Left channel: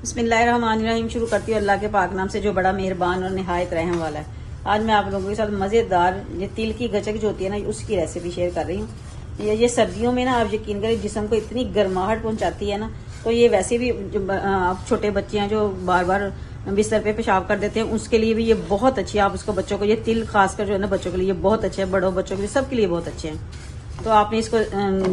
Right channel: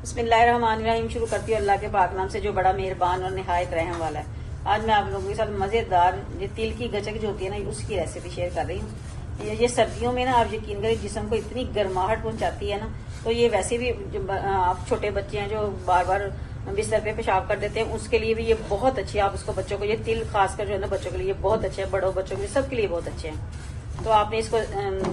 बिस्मिल्लाहिर्रहमानिर्रहीम। शुरू करती हूँ अल्लाह के पाक नाम से जो बड़ा मेहरबान और निहायत रहम वाला है। आज मैं आप लोगों के साथ मजेदार ये तिल की गचक जो होती है ना, उसकी रेसिपी शेयर कर रही हूँ। ये सर्दियों में ना आप यकीन करें जिस्म को इतनी गर्माहट पहुंचाती है ना, तो ये वैसे भी जो छोटे बच्चे हैं जो बार बार बिस्तर पे पेशाब कर देते हैं, उसके लिए भी ये बहुत अच्छी है। आप उसको बच्चों को, ये तिल खासकर जो है ना बच्चों के लिए बहुत अच्छे है, बड़ों बच्चों के लिए सबके लिए बहुत अच्छे हैं। तो आपने इसको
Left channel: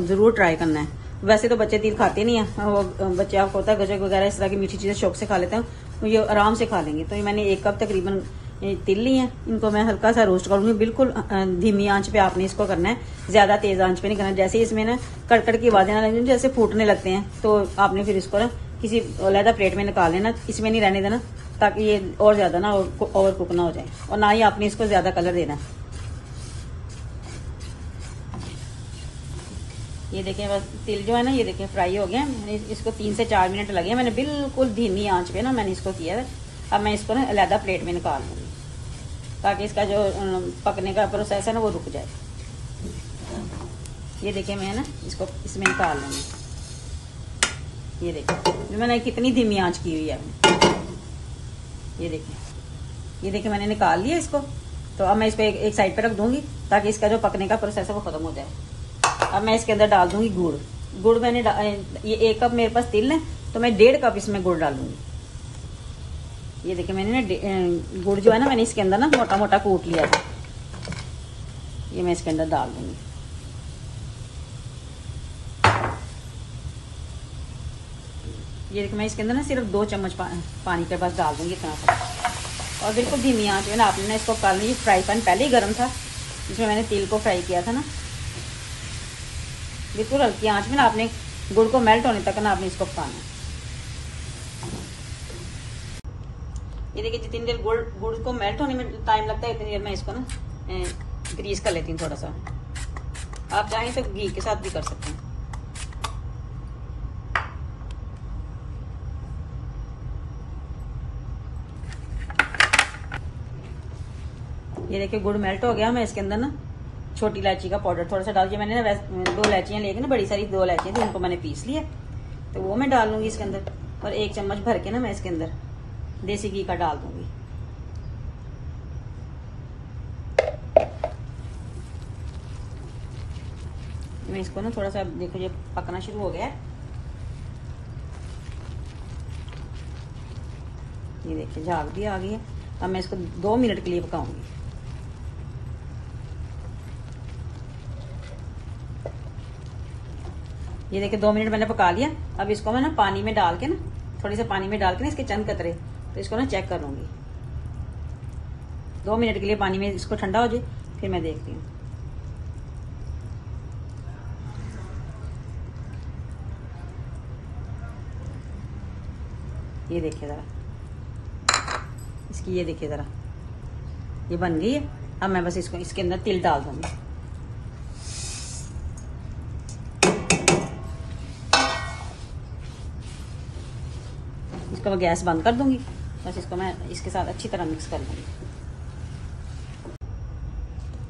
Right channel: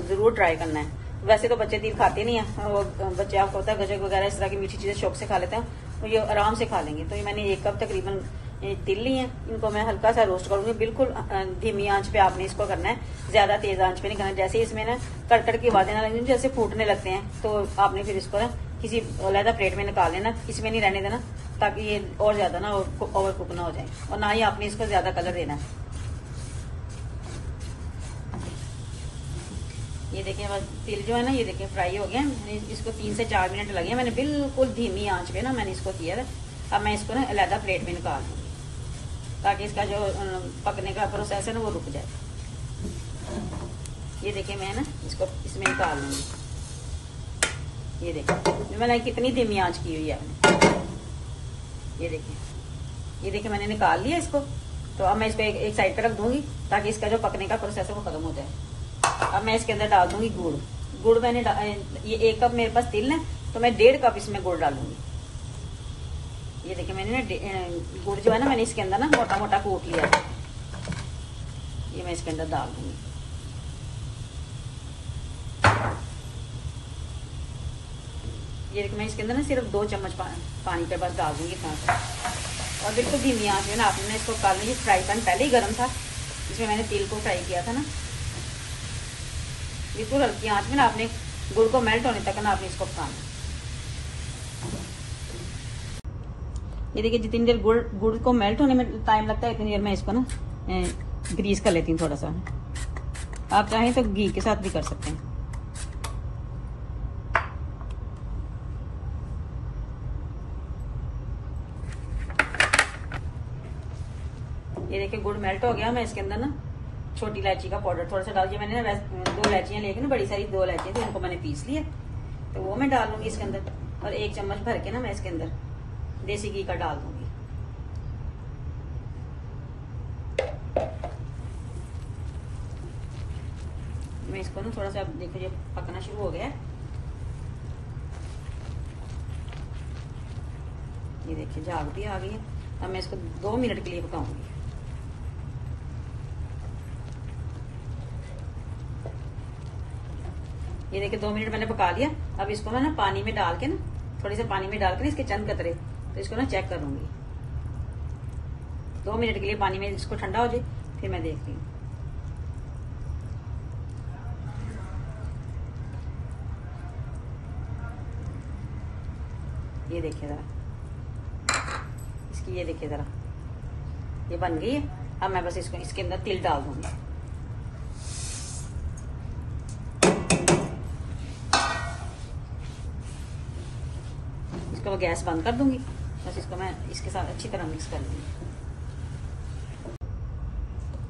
जरूर ट्राई करना है। वैसे तो बच्चे तिल खाते नहीं है, वो बच्चे आपको होता है गजक वगैरह इस तरह की मीठी चीजें शौक से खा लेते हैं, तो ये आराम से खा लेंगे। तो ये मैंने 1 कप तकरीबन ये तिल ली है, इनको मैं हल्का सा रोस्ट करूंगी। बिल्कुल धीमी आंच पे आपने इसको करना है, ज्यादा तेज आंच पे नहीं करना। जैसे इसमें ना कड़कड़ की आवाजें लगती हैं, जैसे फूटने लगते हैं, तो आपने फिर इसको ना किसी अलग प्लेट में निकाल लेना, इसमें नहीं रहने देना, ताकि ये और ज्यादा ना ओवर कुक ना हो जाए, और ना ही आपने इसको ज्यादा कलर देना है। ये देखिए तिल जो है ना, ये देखिए फ्राई हो गया। इसको 3 से 4 मिनट लगे, मैंने बिल्कुल धीमी आंच पे ना मैंने इसको किया है। अब मैं इसको ना अलग प्लेट में निकाल दूंगी, ताकि इसका जो पकने का प्रोसेस है ना वो रुक जाए। ये देखिए मैं ना इसको इसमें निकाल दूंगी। ये देखिए जो मैंने कितनी धीमी आंच की हुई है ये देखिए मैंने निकाल लिया इसको। तो अब मैं इस पे एक साइड पे रख दूंगी, ताकि इसका जो पकने का प्रोसेस है वो खत्म हो जाए। अब मैं इसके अंदर डाल दूंगी गुड़ मैंने ये 1 कप मेरे पास तिल है, तो मैं 1.5 कप इसमें गुड़ डालूंगी। ये देखिए मैंने ना गुड़ जो है ना, मैंने इसके अंदर ना मोटा मोटा कूट लिया, ये मैं इसके अंदर डाल दूंगी। ये देखिए मैं इसके अंदर ना सिर्फ 2 चम्मच पानी के पास डाल दूंगी इतना, और बिल्कुल धीमी आंच है ना आपने इसको कल ही फ्राई पैन पहले ही गर्म था जिसमें मैंने तिल को फ्राई किया था ना, बिल्कुल हल्की आंच में ना आपने गुड़ को मेल्ट होने तक ना आपने इसको पकाना। ये देखिए जितनी देर गुड़ को मेल्ट होने में टाइम लगता है, इतनी देर में इसको ना ग्रीस कर लेती हूँ थोड़ा सा। आप चाहें तो घी के साथ भी कर सकते हैं। ये देखिए गुड़ मेल्ट हो गया। मैं इसके अंदर ना छोटी इलायची का पाउडर थोड़ा सा डाल दिया। मैंने ना 2 इलायचियां लेके ना, बड़ी सारी 2 इलायचियां थी, उनको मैंने पीस लिया, तो वो मैं डालूंगी इसके अंदर। और 1 चम्मच भर के ना मैं इसके अंदर देसी घी का डाल दूंगी। मैं इसको ना थोड़ा सा, देखो ये पकना शुरू हो गया है। ये देखिए झाग भी आ गई है। अब मैं इसको 2 मिनट के लिए पकाऊंगी। ये देखिए 2 मिनट मैंने पका लिया। अब इसको मैं ना पानी में डाल के ना, थोड़ी सा पानी में डाल के ना इसके चंद कतरे, तो इसको ना चेक कर लूंगी। 2 मिनट के लिए पानी में इसको ठंडा हो जाए, फिर मैं देखती हूँ। ये देखिए जरा इसकी, ये देखिए जरा ये बन गई है। अब मैं बस इसको इसके अंदर तिल डाल दूंगी। इसको मैं गैस बंद कर दूंगी, बस इसको मैं इसके साथ अच्छी तरह मिक्स कर लूंगी।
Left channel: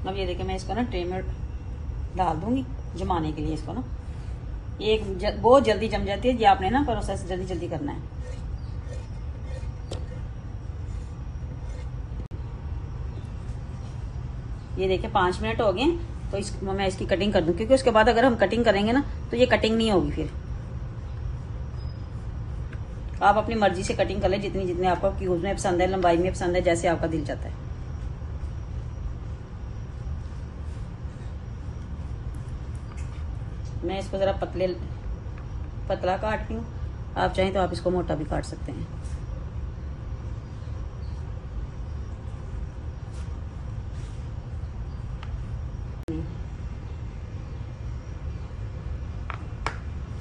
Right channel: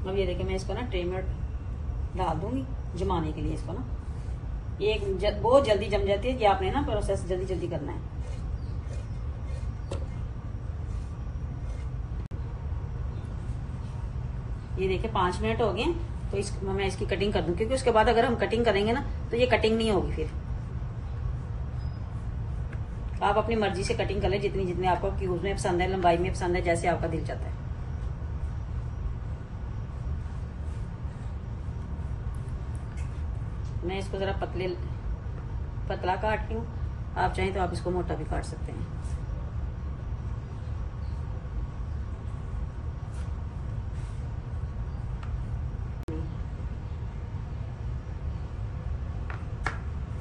अब ये देखिए मैं इसको ना ट्रे में डाल दूंगी जमाने के लिए। इसको ना ये बहुत जल्दी जम जाती है, ये आपने ना प्रोसेस जल्दी जल्दी करना है। ये देखिए 5 मिनट हो गए, तो मैं इसकी कटिंग कर दूं, क्योंकि उसके बाद अगर हम कटिंग करेंगे ना तो ये कटिंग नहीं होगी। फिर आप अपनी मर्जी से कटिंग कर ले, जितनी आपको क्यूब में पसंद है, लंबाई में पसंद है, जैसे आपका दिल चाहता है। मैं इसको जरा पतला काटती हूँ, आप चाहें तो आप इसको मोटा भी काट सकते हैं।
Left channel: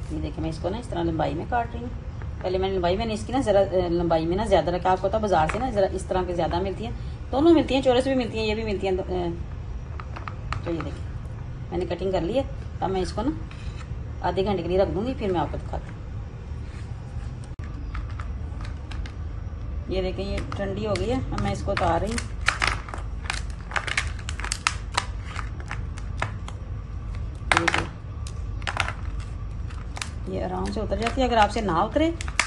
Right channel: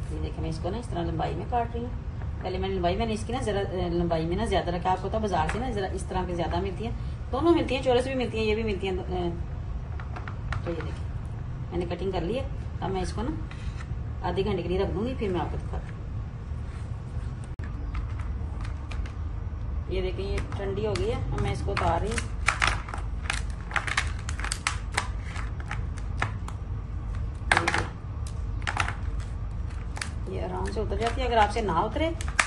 ये देखिए मैं इसको ना इस तरह लंबाई में काट रही हूँ। पहले मैंने इसकी ना जरा लंबाई में ना ज्यादा रखा। आपको पता बाजार से ना जरा इस तरह की ज्यादा मिलती है, दोनों मिलती है, चौरस भी मिलती है, ये भी मिलती है। तो ये देखिए मैंने कटिंग कर ली है। अब मैं इसको ना आधे घंटे के लिए रख दूंगी, फिर मैं आपको दिखाती हूँ। ये देखिए ये ठंडी हो गई है। अब मैं इसको उतार रही हूँ। ये आराम से उतर जाती है। अगर आपसे ना उतरे